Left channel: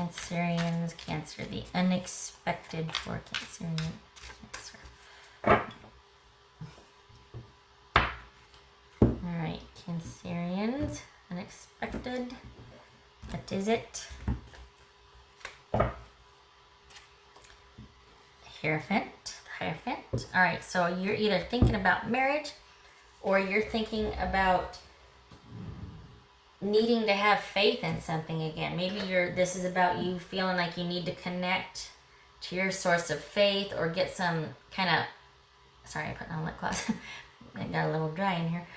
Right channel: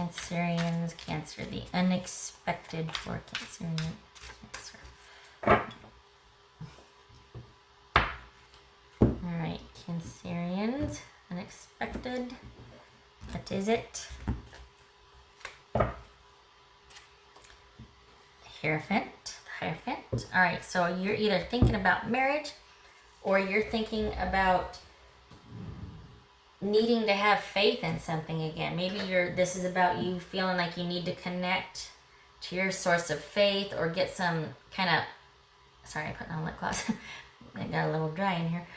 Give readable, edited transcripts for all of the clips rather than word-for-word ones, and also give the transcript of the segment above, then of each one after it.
Cancerians, Cancer, the unexpected for Cancerian, Cancer. Alright, Cancerians, unexpected. What is it? Hierophant. Alright, so you're either thinking about marriage or you're thinking about needing to have faith in something again. Maybe this is about you feeling like you need to connect to your source of faith or get some kind of, sorry, I put on my glass. I got a little dry in here.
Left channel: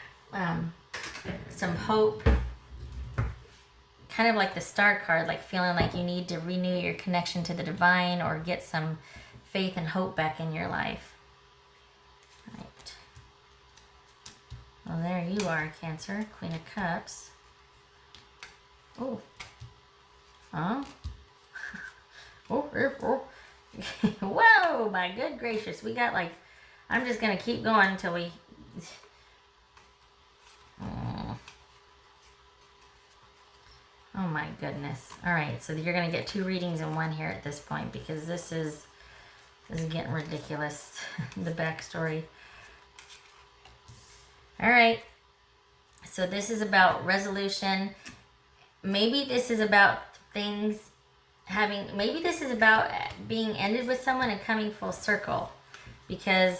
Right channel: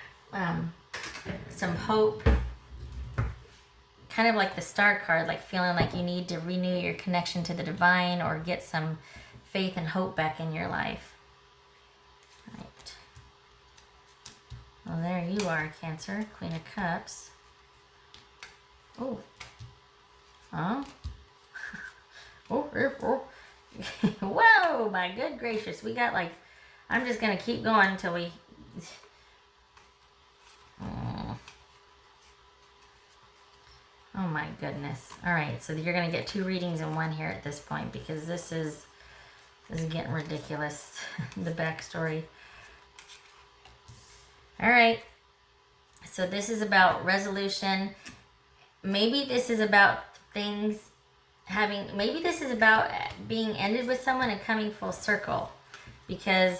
Some hope. Kind of like the Star card, like feeling like you need to renew your connection to the divine or get some faith and hope back in your life. Right. Well, there you are, Cancer, Queen of Cups. Oh. Huh? Oh. Whoa, my good gracious. We got like, I'm just going to keep going until we... Oh my goodness. Alright, so you're going to get 2 readings in one here at this point because this is getting ridiculous. The backstory. Alright. So this is about resolution. Maybe this is about things maybe this is about being ended with someone and coming full circle. Because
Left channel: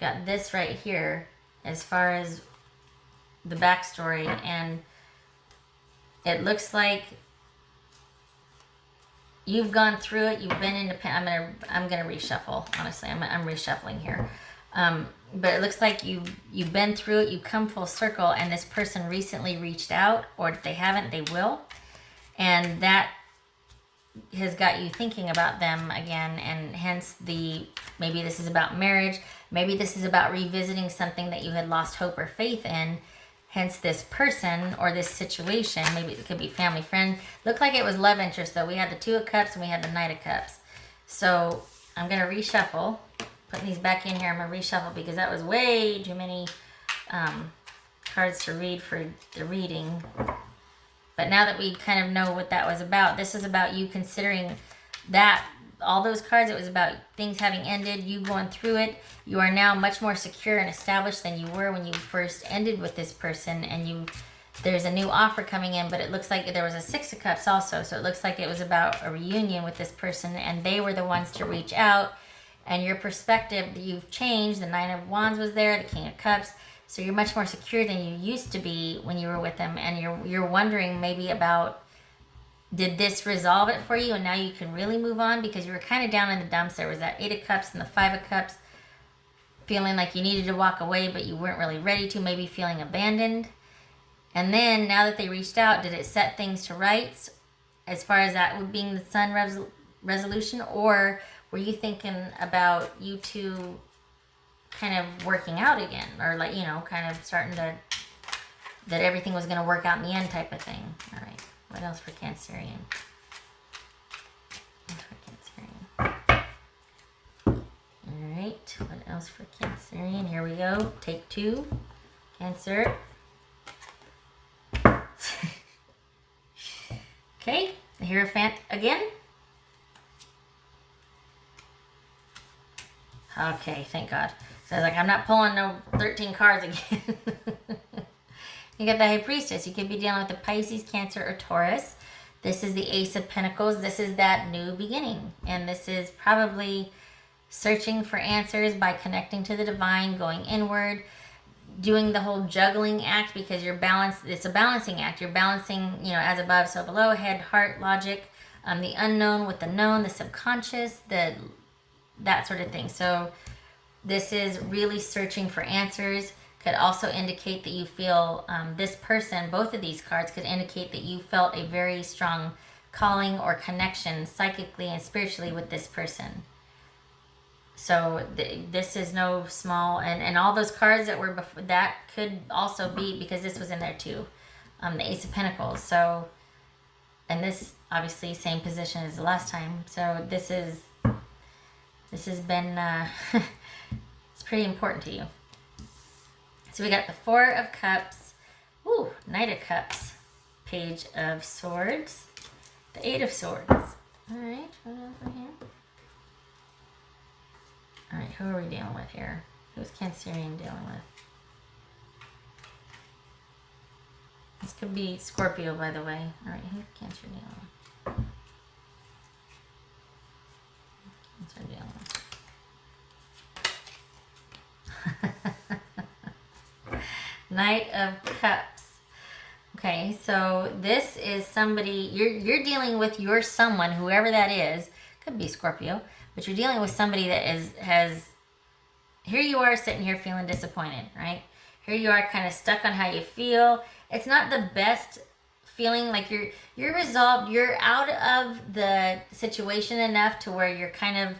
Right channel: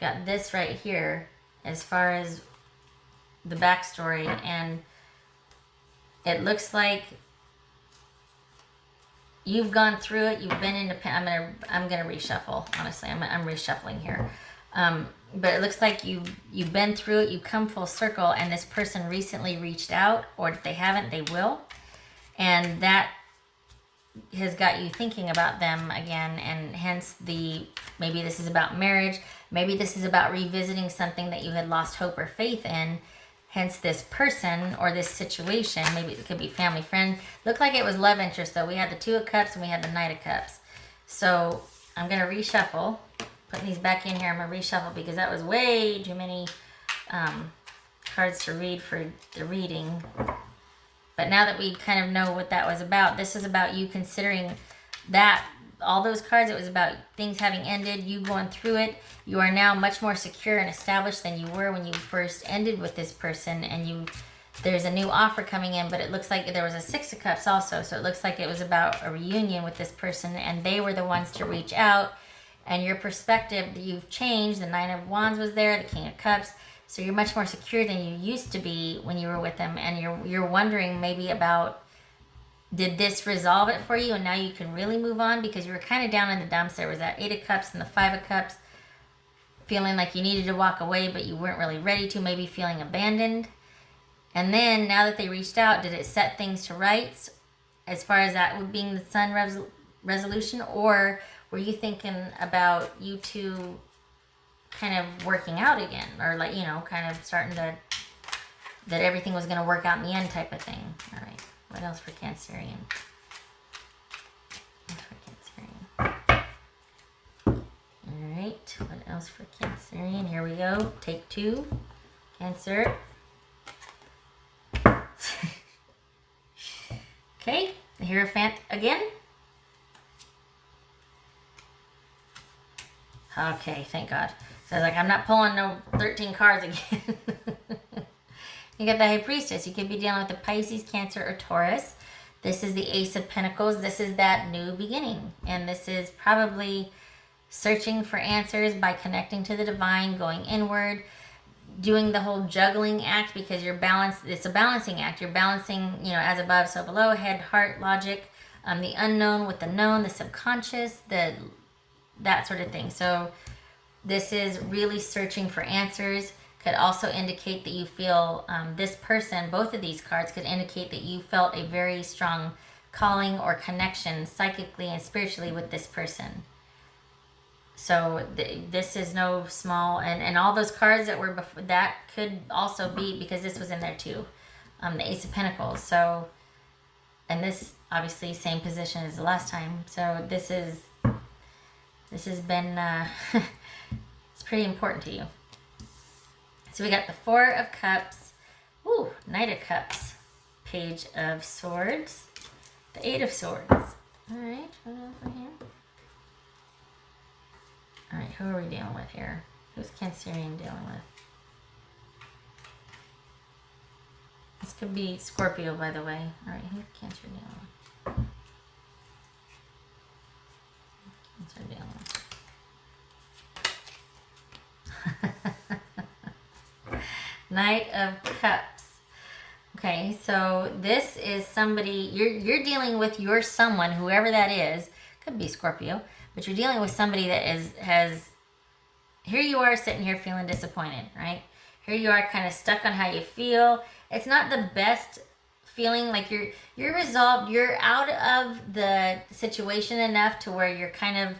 got this right here as far as the backstory, and it looks like you've gone through it. You've been independent. I'm gonna reshuffle. Honestly, I'm reshuffling here. But it looks like you've been through it. You've come full circle, and this person recently reached out, or if they haven't, they will, and that has got you thinking about them again. And hence maybe this is about marriage. Maybe this is about revisiting something that you had lost hope or faith in. Hence this person or this situation. Maybe it could be family, friend. Looked like it was love interest though. We had the 2 of Cups and we had the Knight of Cups. So I'm going to reshuffle. Putting these back in here. I'm going to reshuffle because that was way too many cards to read for the reading. But now that we kind of know what that was about, this is about you considering that all those cards, it was about things having ended, you going through it. You are now much more secure and established than you were when you first ended with this person, and there's a new offer coming in, but it looks like there was a 6 of Cups also, so it looks like it was about a reunion with this person, and they were the ones to reach out, and your perspective, you've changed. The 9 of Wands was there, the King of Cups, so you're much more secure than you used to be when you were with them, and you're wondering maybe about, did this resolve it for you, and now you can really move on, because you were kind of down in the dumps. There was that 8 of Cups and the 5 of Cups, feeling like you needed to walk away, but you weren't really ready to, maybe feeling abandoned. And then, now that they reached out, did it set things to rights, as far as that being the Sun resolution, or were you thinking about you two kind of working out again, or like, kind of starting that everything was going to work out in the end type of thing? All right, what else for Cancerian? Alright, what else for Cancerian? Here we go. Take 2. Cancer. Okay, the Hierophant again. Okay, thank God. So I was like, I'm not pulling no 13 cards again. You got the High Priestess. You could be dealing with the Pisces, Cancer, or Taurus. This is the Ace of Pentacles. This is that new beginning. And this is probably searching for answers by connecting to the divine, going inward, doing the whole juggling act, because you're balanced. It's a balancing act. You're balancing, as above, so below, head, heart, logic, the unknown with the known, the subconscious, that sort of thing. So this is really searching for answers. Could also indicate that you feel this person, both of these cards could indicate that you felt a very strong calling or connection psychically and spiritually with this person. So this is no small, and all those cards that were before, that could also be, because this was in there too, the Ace of Pentacles. So, and this obviously same position as the last time. So this has been, it's pretty important to you. So we got the 4 of Cups, Knight of Cups, Page of Swords, The Eight of Swords. Alright. Alright, who are we dealing with here? Who's Cancerian dealing with? This could be Scorpio, by the way. Alright, who's Cancer dealing with? What's our dealing with? Knight of Cups. Okay, so this is somebody, you're dealing with your someone, whoever that is. Could be Scorpio, but you're dealing with somebody that here you are sitting here feeling disappointed, right? Here you are kind of stuck on how you feel. It's not the best feeling, like you're resolved, you're out of the situation enough to where you're kind of,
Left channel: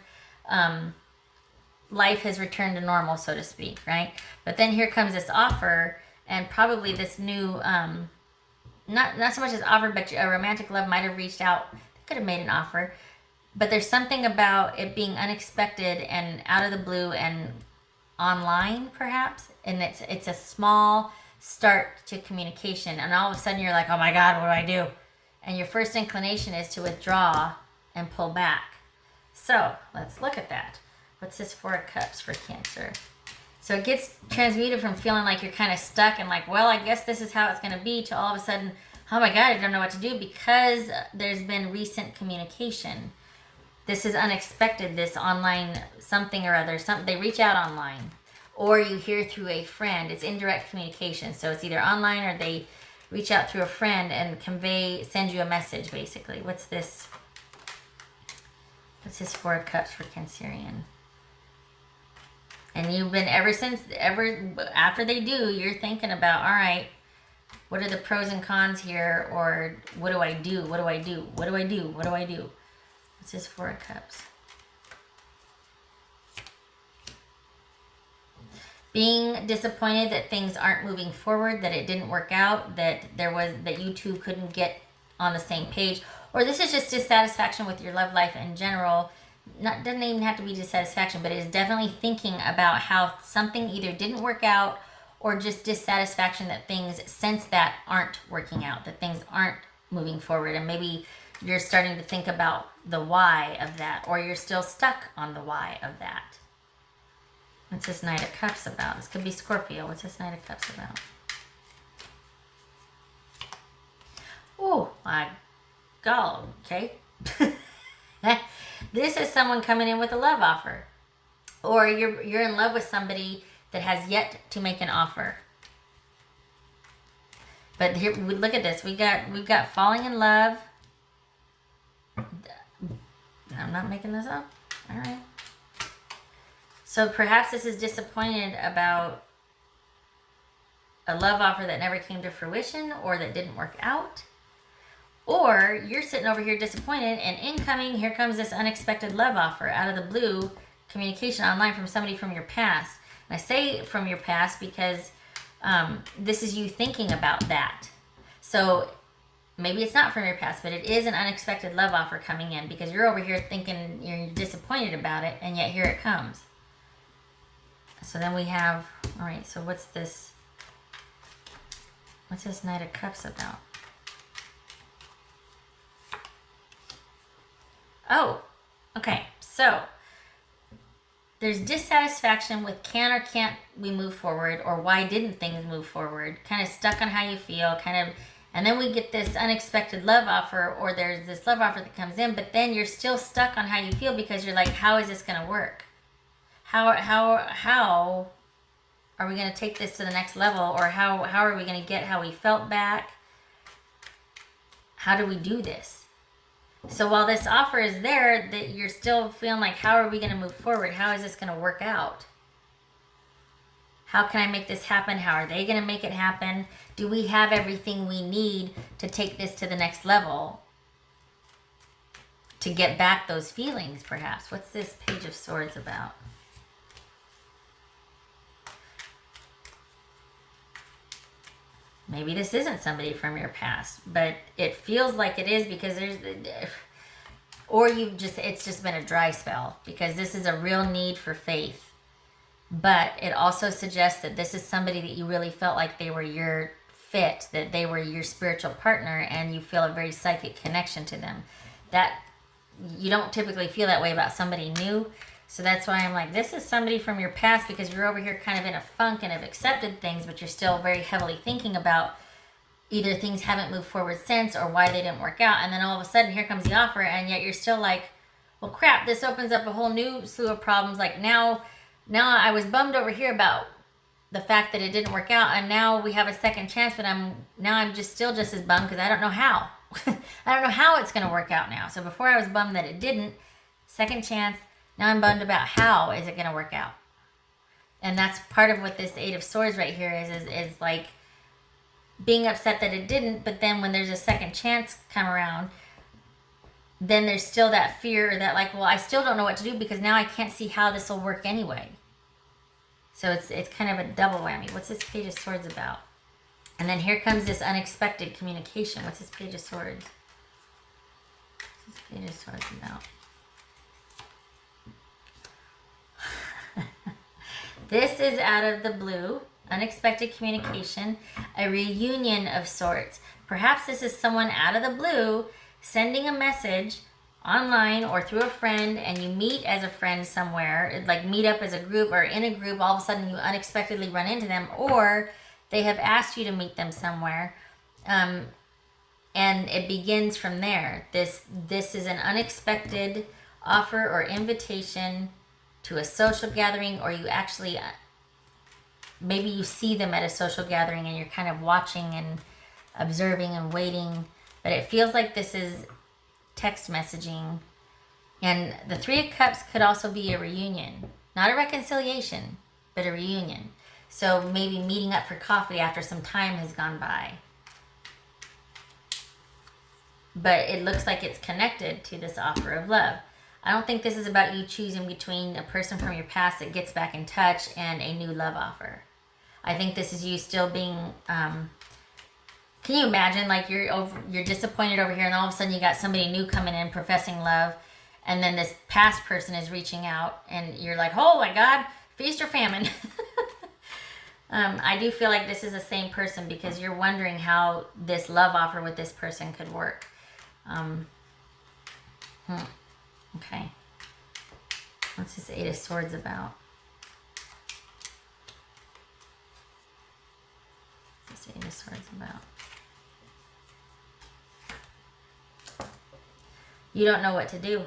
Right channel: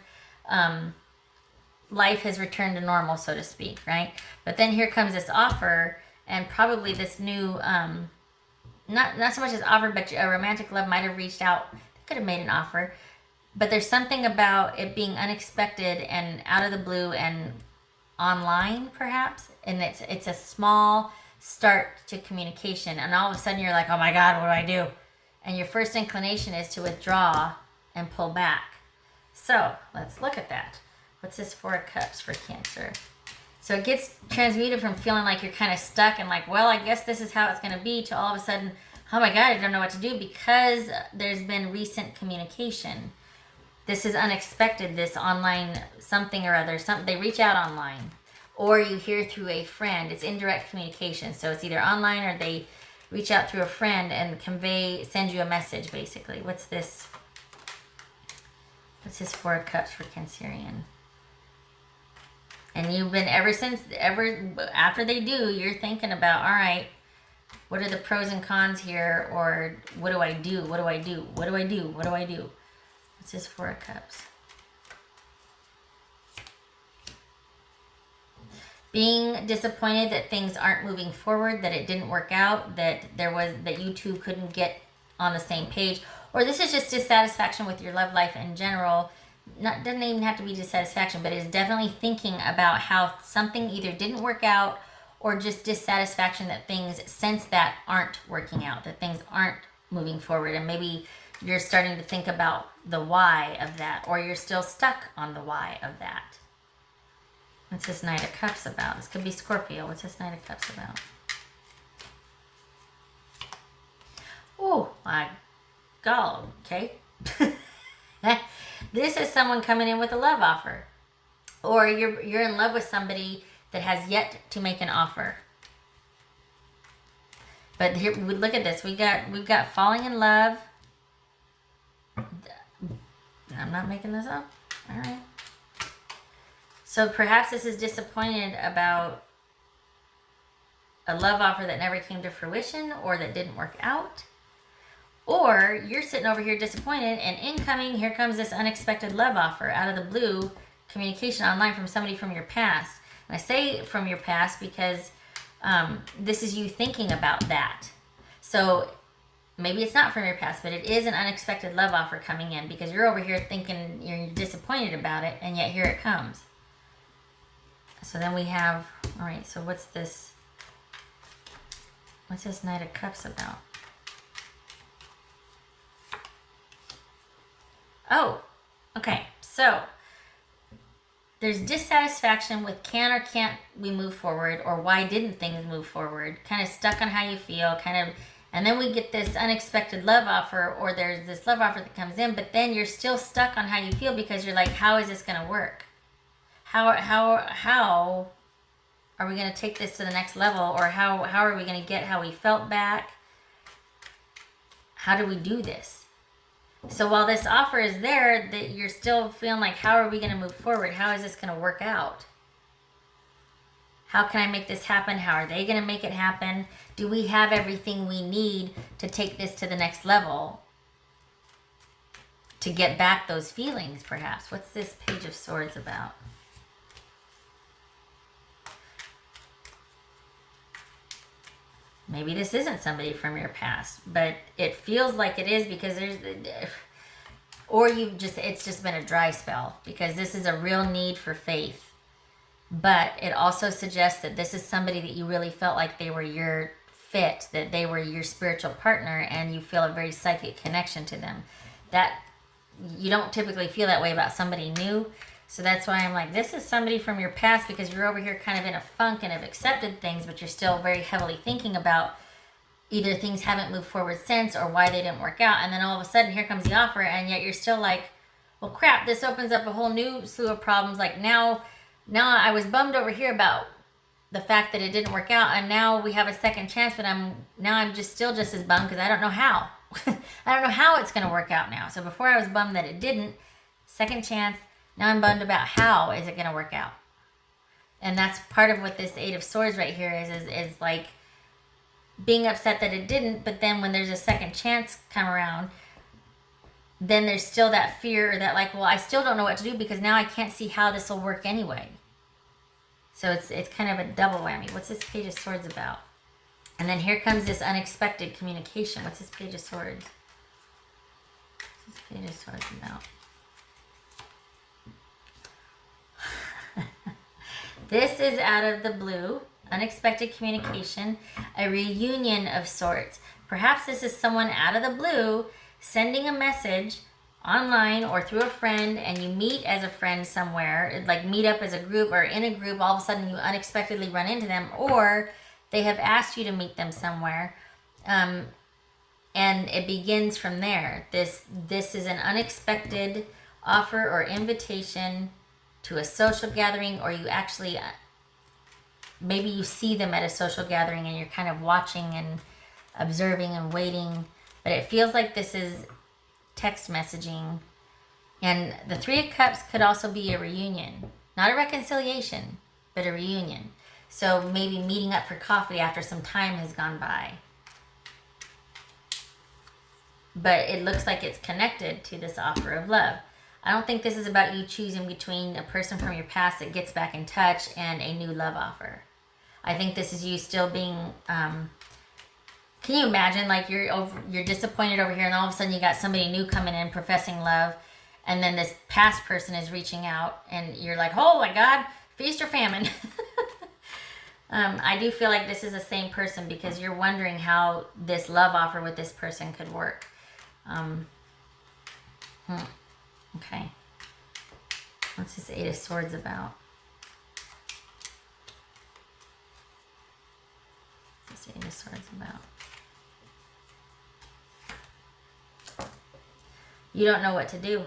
life has returned to normal, so to speak, right? But then here comes this offer, and probably this new, not so much as offer, but a romantic love might have reached out, could have made an offer, but there's something about it being unexpected and out of the blue and online, perhaps, and it's a small start to communication, and all of a sudden you're like, oh my God, what do I do? And your first inclination is to withdraw and pull back. So let's look at that. What's this Four of Cups for Cancer? So it gets transmuted from feeling like you're kind of stuck and like, well, I guess this is how it's going to be, to all of a sudden, oh my God, I don't know what to do, because there's been recent communication. This is unexpected, this online something or other. They reach out online, or you hear through a friend. It's indirect communication. So it's either online or they reach out through a friend and send you a message, basically. What's this? What's his Four of Cups for Cancerian? And you've been, after they do, you're thinking about, all right, what are the pros and cons here? Or what do I do? What do I do? What do I do? What do I do? What's this Four of Cups? Being disappointed that things aren't moving forward, that it didn't work out, that you two couldn't get on the same page. Or this is just dissatisfaction with your love life in general. Doesn't even have to be dissatisfaction, but it's definitely thinking about how something either didn't work out, or just dissatisfaction that things since that aren't working out, that things aren't moving forward. And maybe you're starting to think about the why of that, or you're still stuck on the why of that. What's this Knight of Cups about? This could be Scorpio. What's this Knight of Cups about? Oh my God, okay. This is someone coming in with a love offer, or you're in love with somebody that has yet to make an offer. But here, look at this. We've got falling in love. I'm not making this up. All right. So perhaps this is disappointed about a love offer that never came to fruition, or that didn't work out. Or you're sitting over here disappointed, and incoming, here comes this unexpected love offer out of the blue, communication online from somebody from your past. And I say from your past because this is you thinking about that. So maybe it's not from your past, but it is an unexpected love offer coming in, because you're over here thinking you're disappointed about it, and yet here it comes. So then we have, all right, so what's this Knight of Cups about? Oh, okay, so there's dissatisfaction with can or can't we move forward, or why didn't things move forward, kind of stuck on how you feel, and then we get this unexpected love offer, or there's this love offer that comes in, but then you're still stuck on how you feel, because you're like, how is this going to work? How are we going to take this to the next level, or how are we going to get how we felt back? How do we do this? So while this offer is there, that you're still feeling like, how are we going to move forward? How is this going to work out? How can I make this happen? How are they going to make it happen? Do we have everything we need to take this to the next level? To get back those feelings, perhaps. What's this Page of Swords about? Maybe this isn't somebody from your past, but it feels like it is, because it's just been a dry spell, because this is a real need for faith. But it also suggests that this is somebody that you really felt like they were your fit, that they were your spiritual partner and you feel a very psychic connection to them. That you don't typically feel that way about somebody new. So that's why I'm like, this is somebody from your past, because you're over here kind of in a funk and have accepted things, but you're still very heavily thinking about either things haven't moved forward since or why they didn't work out. And then all of a sudden here comes the offer, and yet you're still like, well, crap, this opens up a whole new slew of problems. Like now I was bummed over here about the fact that it didn't work out, and now we have a second chance, but I'm just still just as bummed because I don't know how. I don't know how it's going to work out now. So before I was bummed that it didn't, second chance, now I'm bummed about how is it going to work out. And that's part of what this Eight of Swords right here is like being upset that it didn't, but then when there's a second chance come around, then there's still that fear that like, well, I still don't know what to do because now I can't see how this will work anyway. So it's kind of a double whammy. What's this Page of Swords about? And then here comes this unexpected communication. What's this Page of Swords? What's this Page of Swords about? This is out of the blue. Unexpected communication. A reunion of sorts. Perhaps this is someone out of the blue sending a message online or through a friend, and you meet as a friend somewhere, like meet up as a group or in a group, all of a sudden you unexpectedly run into them, or they have asked you to meet them somewhere, and it begins from there. This is an unexpected offer or invitation to a social gathering, or you actually, maybe you see them at a social gathering and you're kind of watching and observing and waiting, but it feels like this is text messaging. And the Three of Cups could also be a reunion, not a reconciliation, but a reunion. So maybe meeting up for coffee after some time has gone by. But it looks like it's connected to this offer of love. I don't think this is about you choosing between a person from your past that gets back in touch and a new love offer. I think this is you still being, can you imagine, like you're disappointed over here and all of a sudden you got somebody new coming in professing love, and then this past person is reaching out and you're like, oh my God, feast or famine. I do feel like this is the same person because you're wondering how this love offer with this person could work. Okay. What's this Eight of Swords about? What's the Eight of Swords about? You don't know what to do.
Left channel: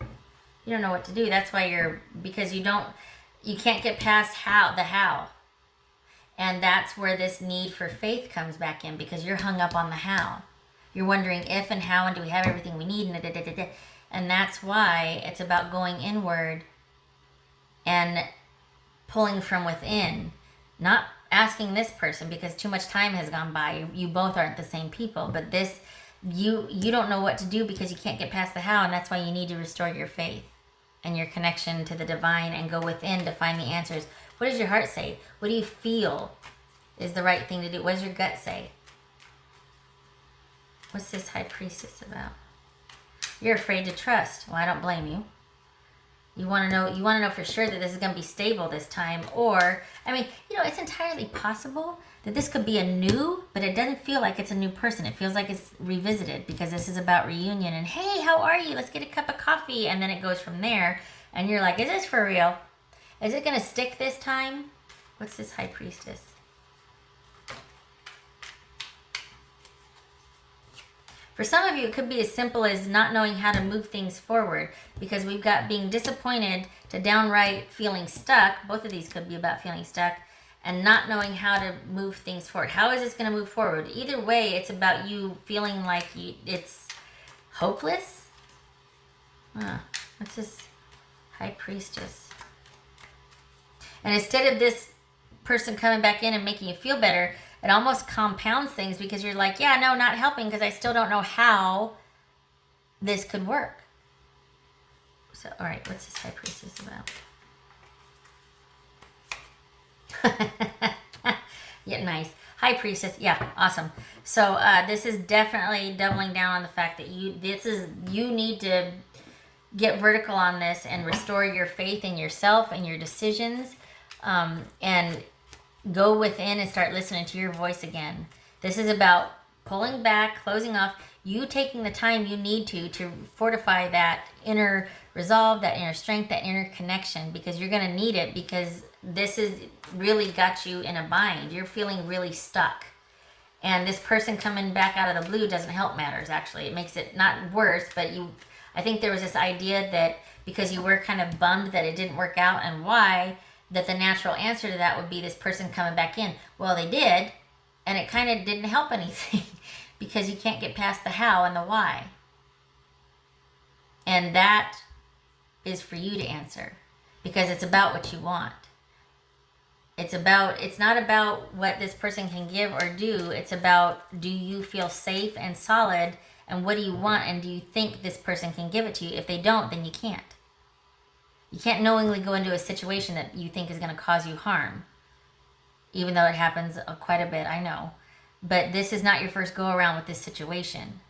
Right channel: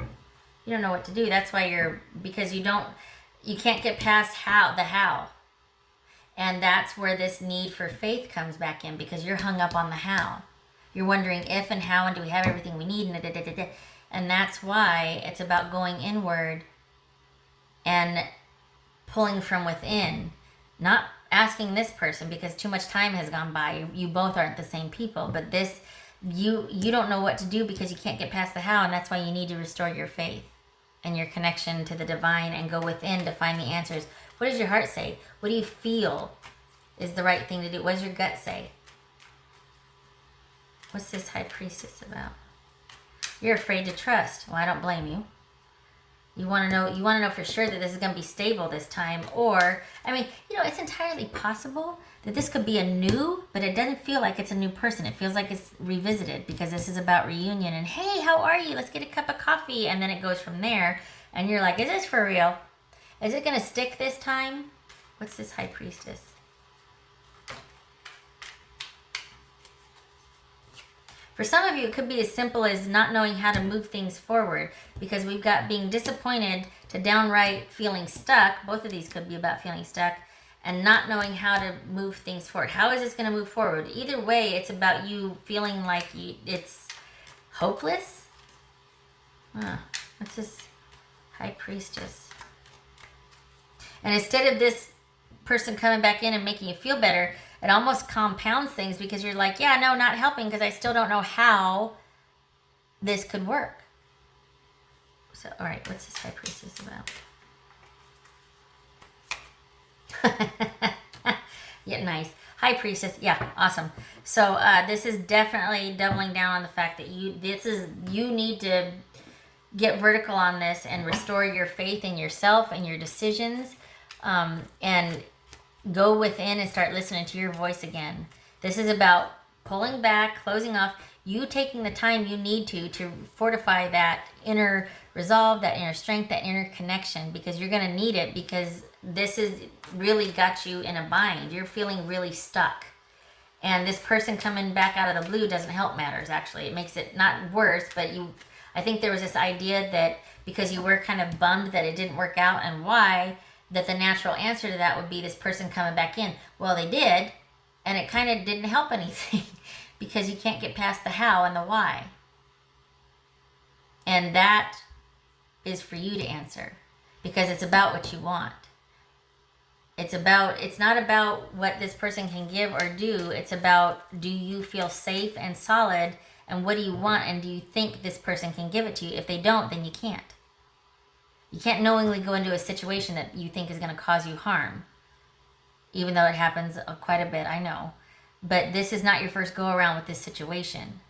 You don't know what to do. That's why because you can't get past the how. And that's where this need for faith comes back in, because you're hung up on the how. You're wondering if and how, and do we have everything we need? And that's why it's about going inward and pulling from within. Not asking this person because too much time has gone by. You both aren't the same people. But this, you don't know what to do because you can't get past the how, and that's why you need to restore your faith and your connection to the divine and go within to find the answers. What does your heart say? What do you feel is the right thing to do? What does your gut say? What's this High Priestess about? You're afraid to trust. Well, I don't blame you. You want to know for sure that this is going to be stable this time. Or, I mean, it's entirely possible that this could be a new, but it doesn't feel like it's a new person. It feels like it's revisited because this is about reunion and, hey, how are you? Let's get a cup of coffee. And then it goes from there. And you're like, is this for real? Is it going to stick this time? What's this High Priestess? For some of you, it could be as simple as not knowing how to move things forward, because we've got being disappointed to downright feeling stuck. Both of these could be about feeling stuck and not knowing how to move things forward. How is this going to move forward? Either way, it's about you feeling like it's hopeless. What's this High Priestess? And instead of this person coming back in and making you feel better, it almost compounds things because you're like, yeah, I know, not helping because I still don't know how this could work. So, all right, what's this High Priestess about? Yeah, nice. High Priestess, yeah, awesome. So this is definitely doubling down on the fact that you need to get vertical on this and restore your faith in yourself and your decisions. And go within and start listening to your voice again. This is about pulling back, closing off, you taking the time you need to fortify that inner resolve, that inner strength, that inner connection, because you're going to need it, because this is really got you in a bind. You're feeling really stuck. And this person coming back out of the blue doesn't help matters, actually. It makes it not worse, but I think there was this idea that because you were kind of bummed that it didn't work out, and why, that the natural answer to that would be this person coming back in. Well, they did, and it kind of didn't help anything because you can't get past the how and the why. And that is for you to answer, because it's about what you want. It's not about what this person can give or do. It's about, do you feel safe and solid, and what do you want, and do you think this person can give it to you? If they don't, then you can't. You can't knowingly go into a situation that you think is going to cause you harm, even though it happens quite a bit, I know. But this is not your first go around with this situation.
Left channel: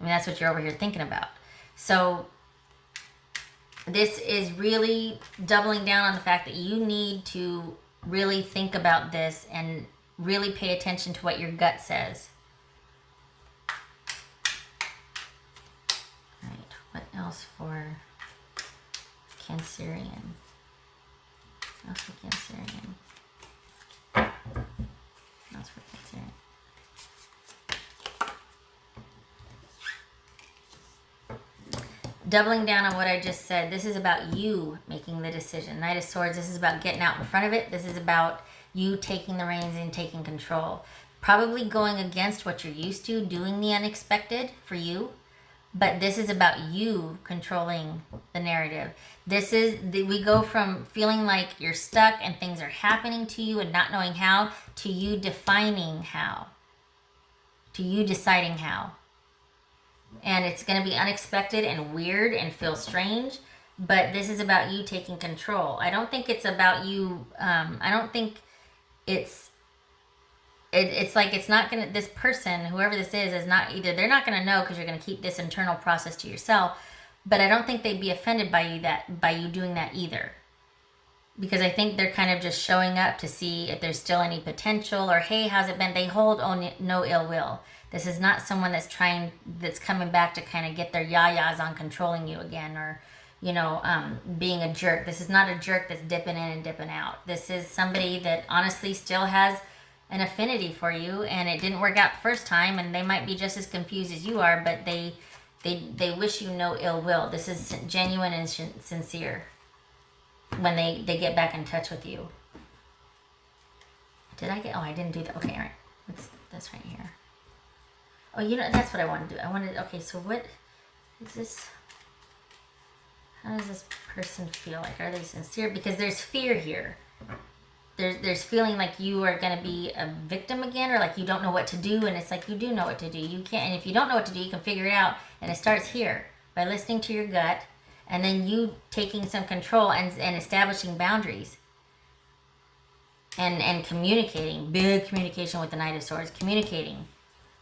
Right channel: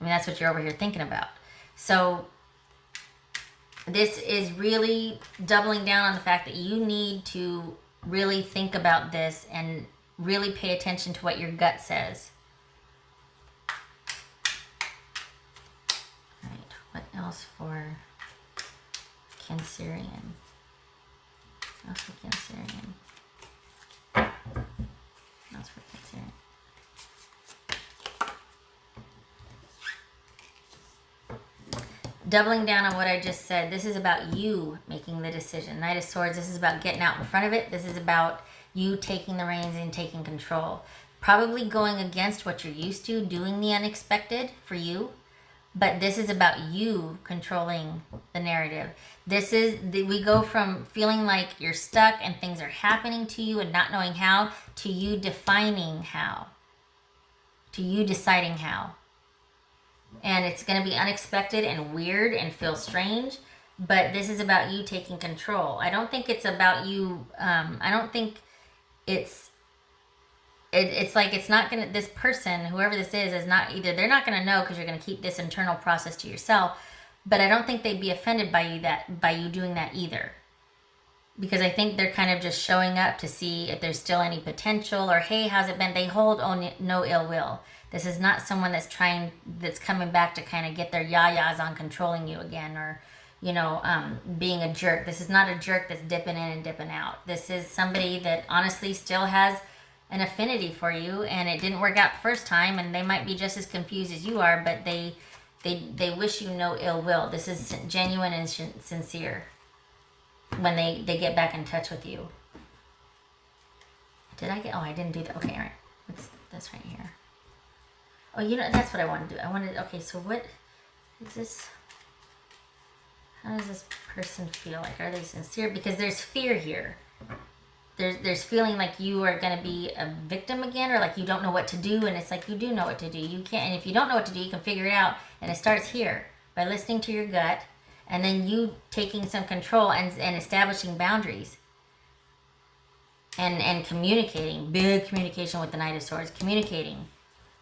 I mean, that's what you're over here thinking about. So this is really doubling down on the fact that you need to really think about this and really pay attention to what your gut says. All right, what else for Cancerian? What else for Cancerian? What else for Cancerian? Doubling down on what I just said, this is about you making the decision. Knight of Swords, this is about getting out in front of it. This is about you taking the reins and taking control. Probably going against what you're used to, doing the unexpected for you. But this is about you controlling the narrative. We go from feeling like you're stuck and things are happening to you and not knowing how, to you defining how. To you deciding how. And it's going to be unexpected and weird and feel strange, but this is about you taking control. I don't think it's about you. I don't think it's like it's not going to, this person, whoever this is not either, they're not going to know because you're going to keep this internal process to yourself, but I don't think they'd be offended by you doing that either. Because I think they're kind of just showing up to see if there's still any potential, or hey, how's it been? They hold no ill will. This is not someone that's coming back to kind of get their yayas on controlling you again, or, being a jerk. This is not a jerk that's dipping in and dipping out. This is somebody that honestly still has an affinity for you, and it didn't work out the first time, and they might be just as confused as you are, but they wish you no ill will. This is genuine and sincere when they get back in touch with you. I didn't do that. Okay, what's this right here? Oh, that's what I want to do. Okay, so what is this? How does this person feel? Like, are they sincere? Because there's fear here. There's feeling like you are going to be a victim again, or like you don't know what to do, and it's like you do know what to do. You can't, and if you don't know what to do, you can figure it out, and it starts here, by listening to your gut, and then you taking some control and establishing boundaries. And communicating. Big communication with the Knight of Swords. Communicating.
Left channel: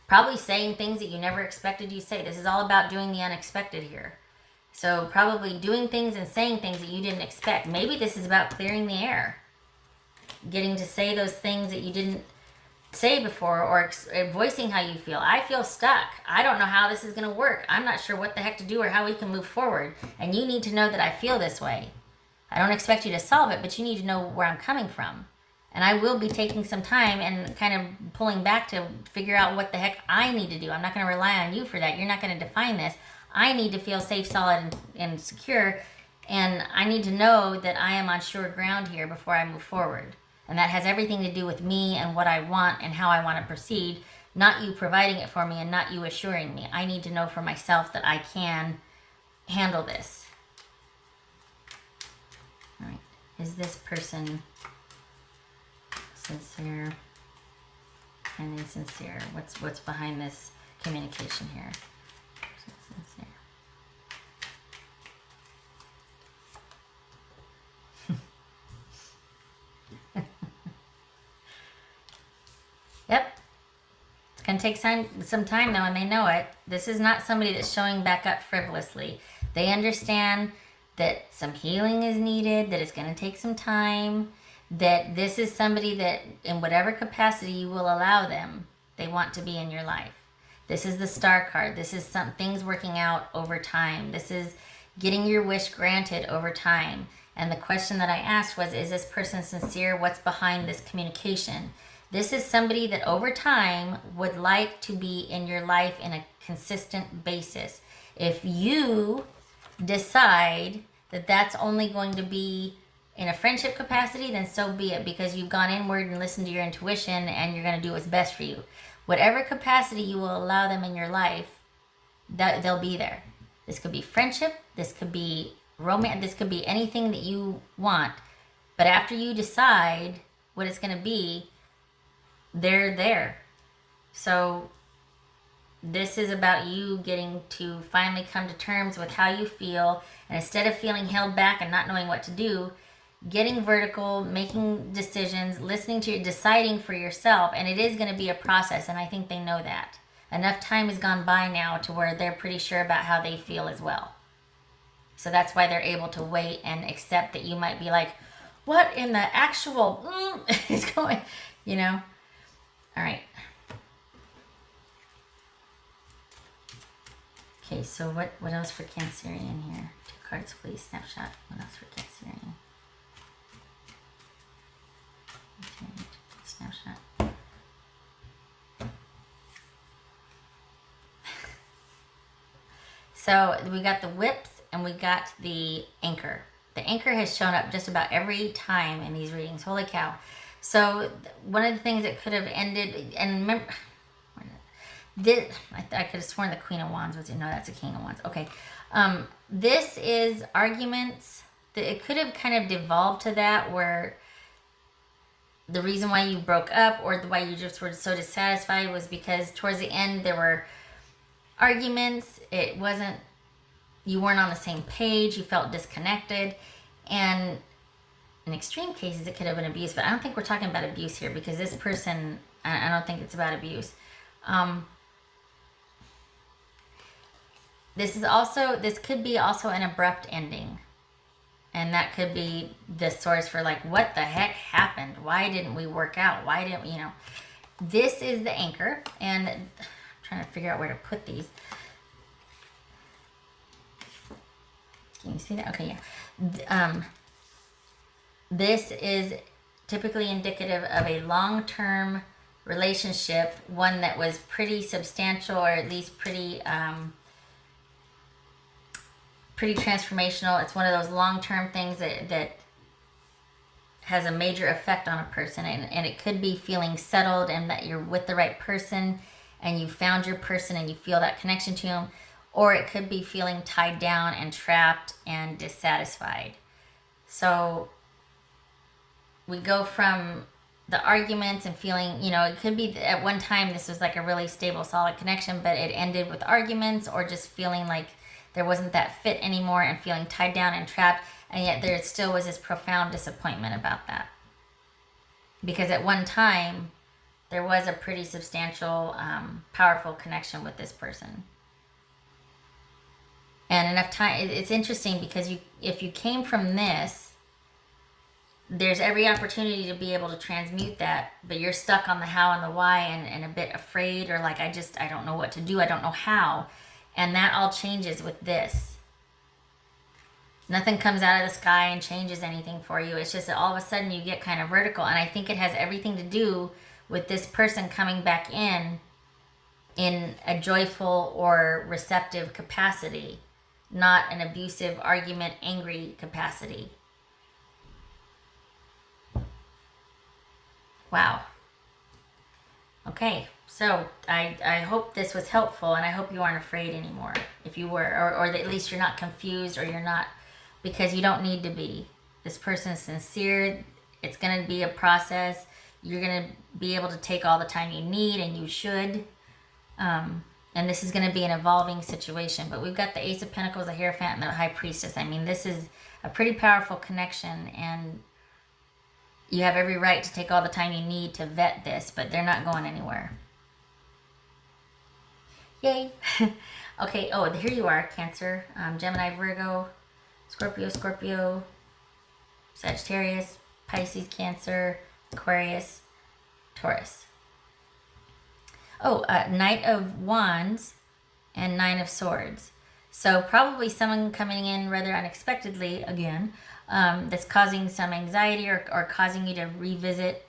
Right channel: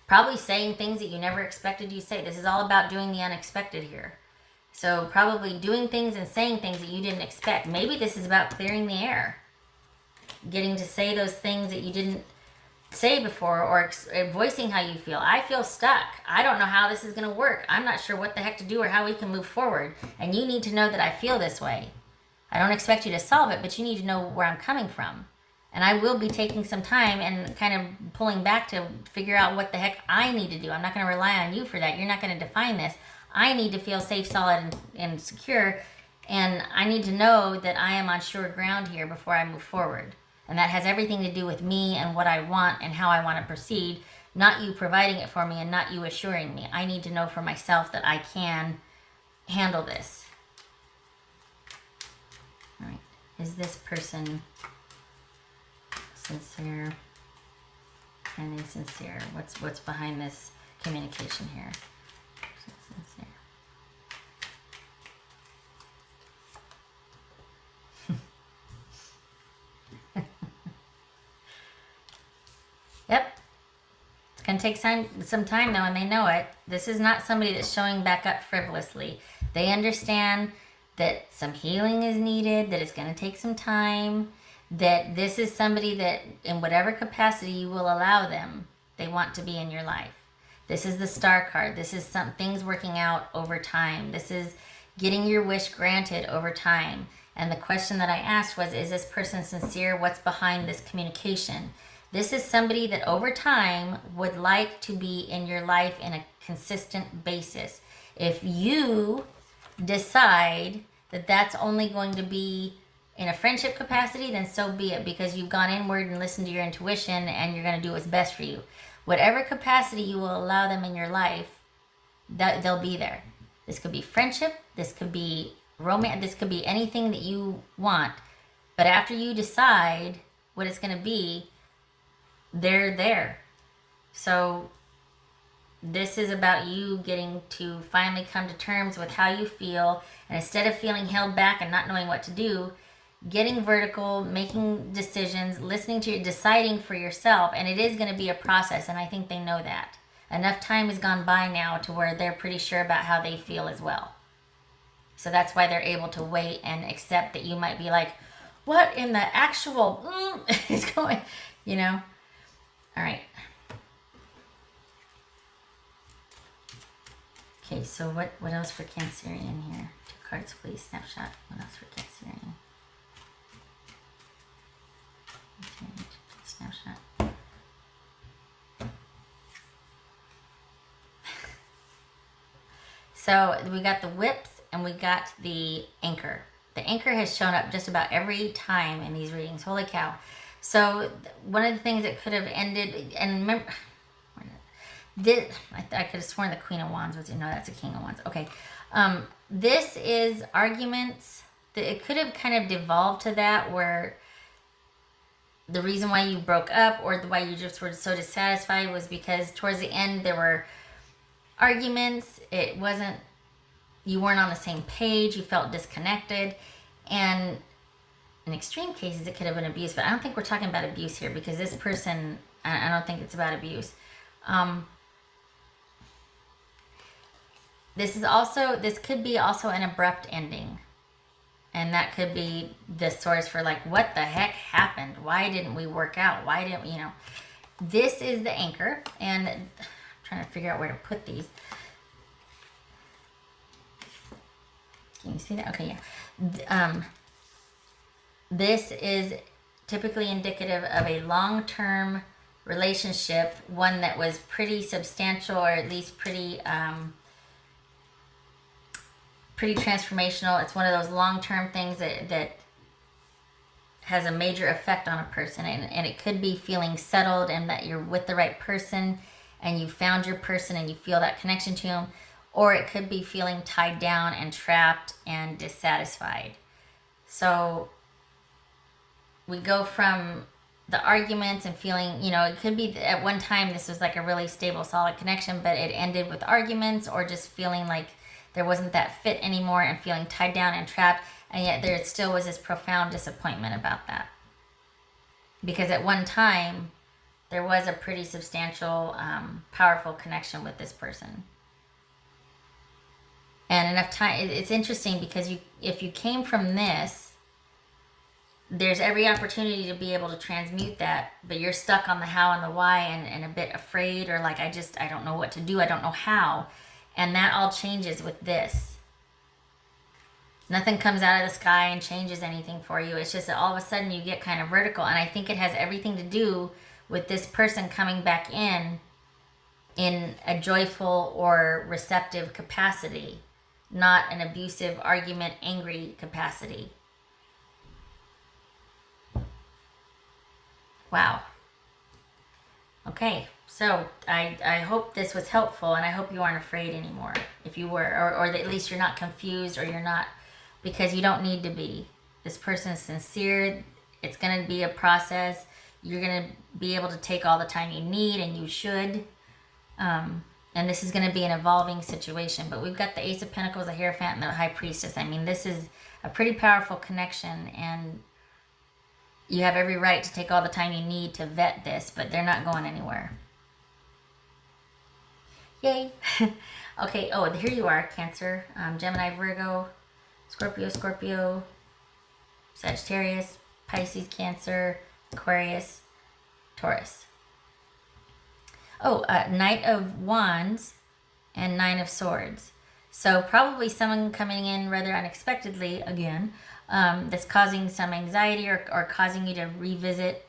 Probably saying things that you never expected you to say. This is all about doing the unexpected here. So probably doing things and saying things that you didn't expect. Maybe this is about clearing the air. Getting to say those things that you didn't say before, or voicing how you feel. I feel stuck. I don't know how this is going to work. I'm not sure what the heck to do or how we can move forward. And you need to know that I feel this way. I don't expect you to solve it, but you need to know where I'm coming from. And I will be taking some time and kind of pulling back to figure out what the heck I need to do. I'm not going to rely on you for that. You're not going to define this. I need to feel safe, solid, and secure. And I need to know that I am on sure ground here before I move forward. And that has everything to do with me and what I want and how I want to proceed. Not you providing it for me and not you assuring me. I need to know for myself that I can handle this. All right. Is this person sincere? And is sincere? What's behind this communication here? Sincere. Yep. It's going to take some time though, and they know it. This is not somebody that's showing back up frivolously. They understand that some healing is needed, that it's going to take some time, that this is somebody that, in whatever capacity you will allow them, they want to be in your life. This is the Star card. This is some things working out over time. This is getting your wish granted over time. And the question that I asked was, is this person sincere? What's behind this communication? This is somebody that over time would like to be in your life in a consistent basis. If you decide that that's only going to be in a friendship capacity, then so be it, because you've gone inward and listened to your intuition and you're going to do what's best for you. Whatever capacity you will allow them in your life, they'll be there. This could be friendship, this could be romance, this could be anything that you want. But after you decide what it's going to be, they're there. So this is about you getting to finally come to terms with how you feel, and instead of feeling held back and not knowing what to do, getting vertical, making decisions, listening to deciding for yourself. And it is going to be a process, and I think they know that. Enough time has gone by now to where they're pretty sure about how they feel as well. So that's why they're able to wait and accept that you might be like, what in the actual is going, you know? All right. Okay, so what else for Cancerian here? 2 cards, please. Snapshot. What else for Cancerian? Okay, snapshot. So we got the whips and we got the anchor. The anchor has shown up just about every time in these readings. Holy cow. So one of the things that could have ended, and remember, I could have sworn the Queen of Wands was, no, that's the King of Wands. Okay. This is arguments. It could have kind of devolved to that, where the reason why you broke up or why you just were so dissatisfied was because towards the end there were arguments. It wasn't, you weren't on the same page, you felt disconnected, and in extreme cases it could have been abuse, but I don't think we're talking about abuse here, because this person, I don't think it's about abuse. This could be also an abrupt ending, and that could be the source for like, what the heck happened? Why didn't we work out? Why didn't we, this is the anchor, and I'm trying to figure out where to put these. Can you see that? Okay, yeah. This is typically indicative of a long-term relationship, one that was pretty substantial, or at least pretty transformational. It's one of those long-term things that has a major effect on a person, and it could be feeling settled and that you're with the right person and you found your person and you feel that connection to them, or it could be feeling tied down and trapped and dissatisfied. So we go from the arguments and feeling, it could be at one time this was like a really stable, solid connection, but it ended with arguments, or just feeling like there wasn't that fit anymore and feeling tied down and trapped. And yet there still was this profound disappointment about that. Because at one time, there was a pretty substantial, powerful connection with this person. And enough time, it's interesting because if you came from this, there's every opportunity to be able to transmute that, but you're stuck on the how and the why, and a bit afraid, or like, I don't know what to do, I don't know how. And that all changes with this. Nothing comes out of the sky and changes anything for you. It's just all of a sudden you get kind of vertical. And I think it has everything to do with this person coming back in a joyful or receptive capacity, not an abusive, argument, angry capacity. Wow. Okay, so I hope this was helpful, and I hope you aren't afraid anymore. If you were, or at least you're not confused, or you're not, because you don't need to be. This person's sincere. It's going to be a process. You're going to be able to take all the time you need, and you should. And this is going to be an evolving situation. But we've got the Ace of Pentacles, the Hierophant, and the High Priestess. I mean, this is a pretty powerful connection, and you have every right to take all the time you need to vet this, but they're not going anywhere. Yay. Okay, oh, and here you are, Cancer, Gemini, Virgo, Scorpio, Sagittarius, Pisces, Cancer, Aquarius, Taurus. Oh, Knight of Wands and Nine of Swords. So probably someone coming in rather unexpectedly again, that's causing some anxiety or causing you to revisit,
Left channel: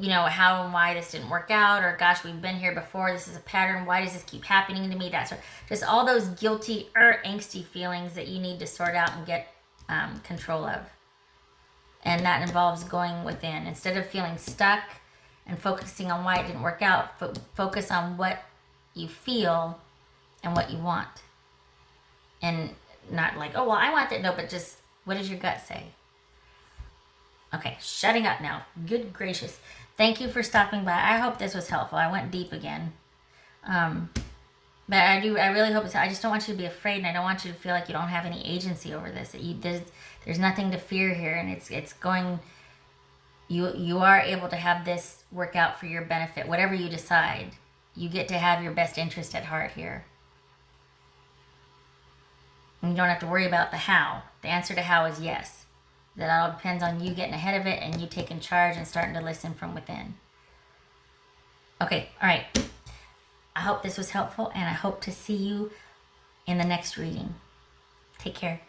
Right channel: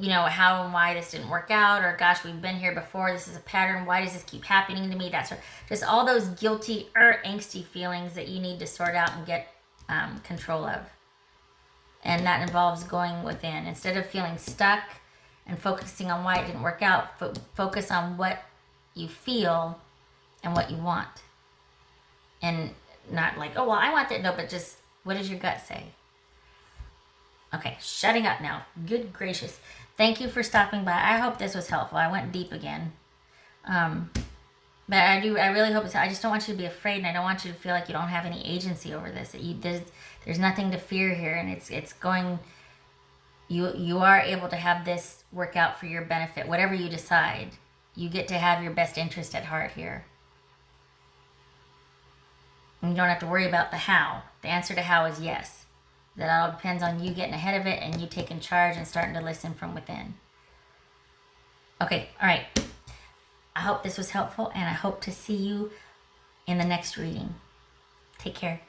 how and why this didn't work out, or gosh, we've been here before, this is a pattern, why does this keep happening to me? That's just all those guilty or angsty feelings that you need to sort out and get control of. And that involves going within. Instead of feeling stuck and focusing on why it didn't work out, focus on what you feel and what you want. And not like, oh, well, I want it. No, but just, what does your gut say? Okay, shutting up now. Good gracious. Thank you for stopping by. I hope this was helpful. I went deep again. But I really hope I just don't want you to be afraid, and I don't want you to feel like you don't have any agency over this. There's nothing to fear here, and it's going, you are able to have this work out for your benefit. Whatever you decide, you get to have your best interest at heart here. And you don't have to worry about the how. The answer to how is yes. That all depends on you getting ahead of it and you taking charge and starting to listen from within. Okay, all right. I hope this was helpful, and I hope to see you in the next reading. Take care.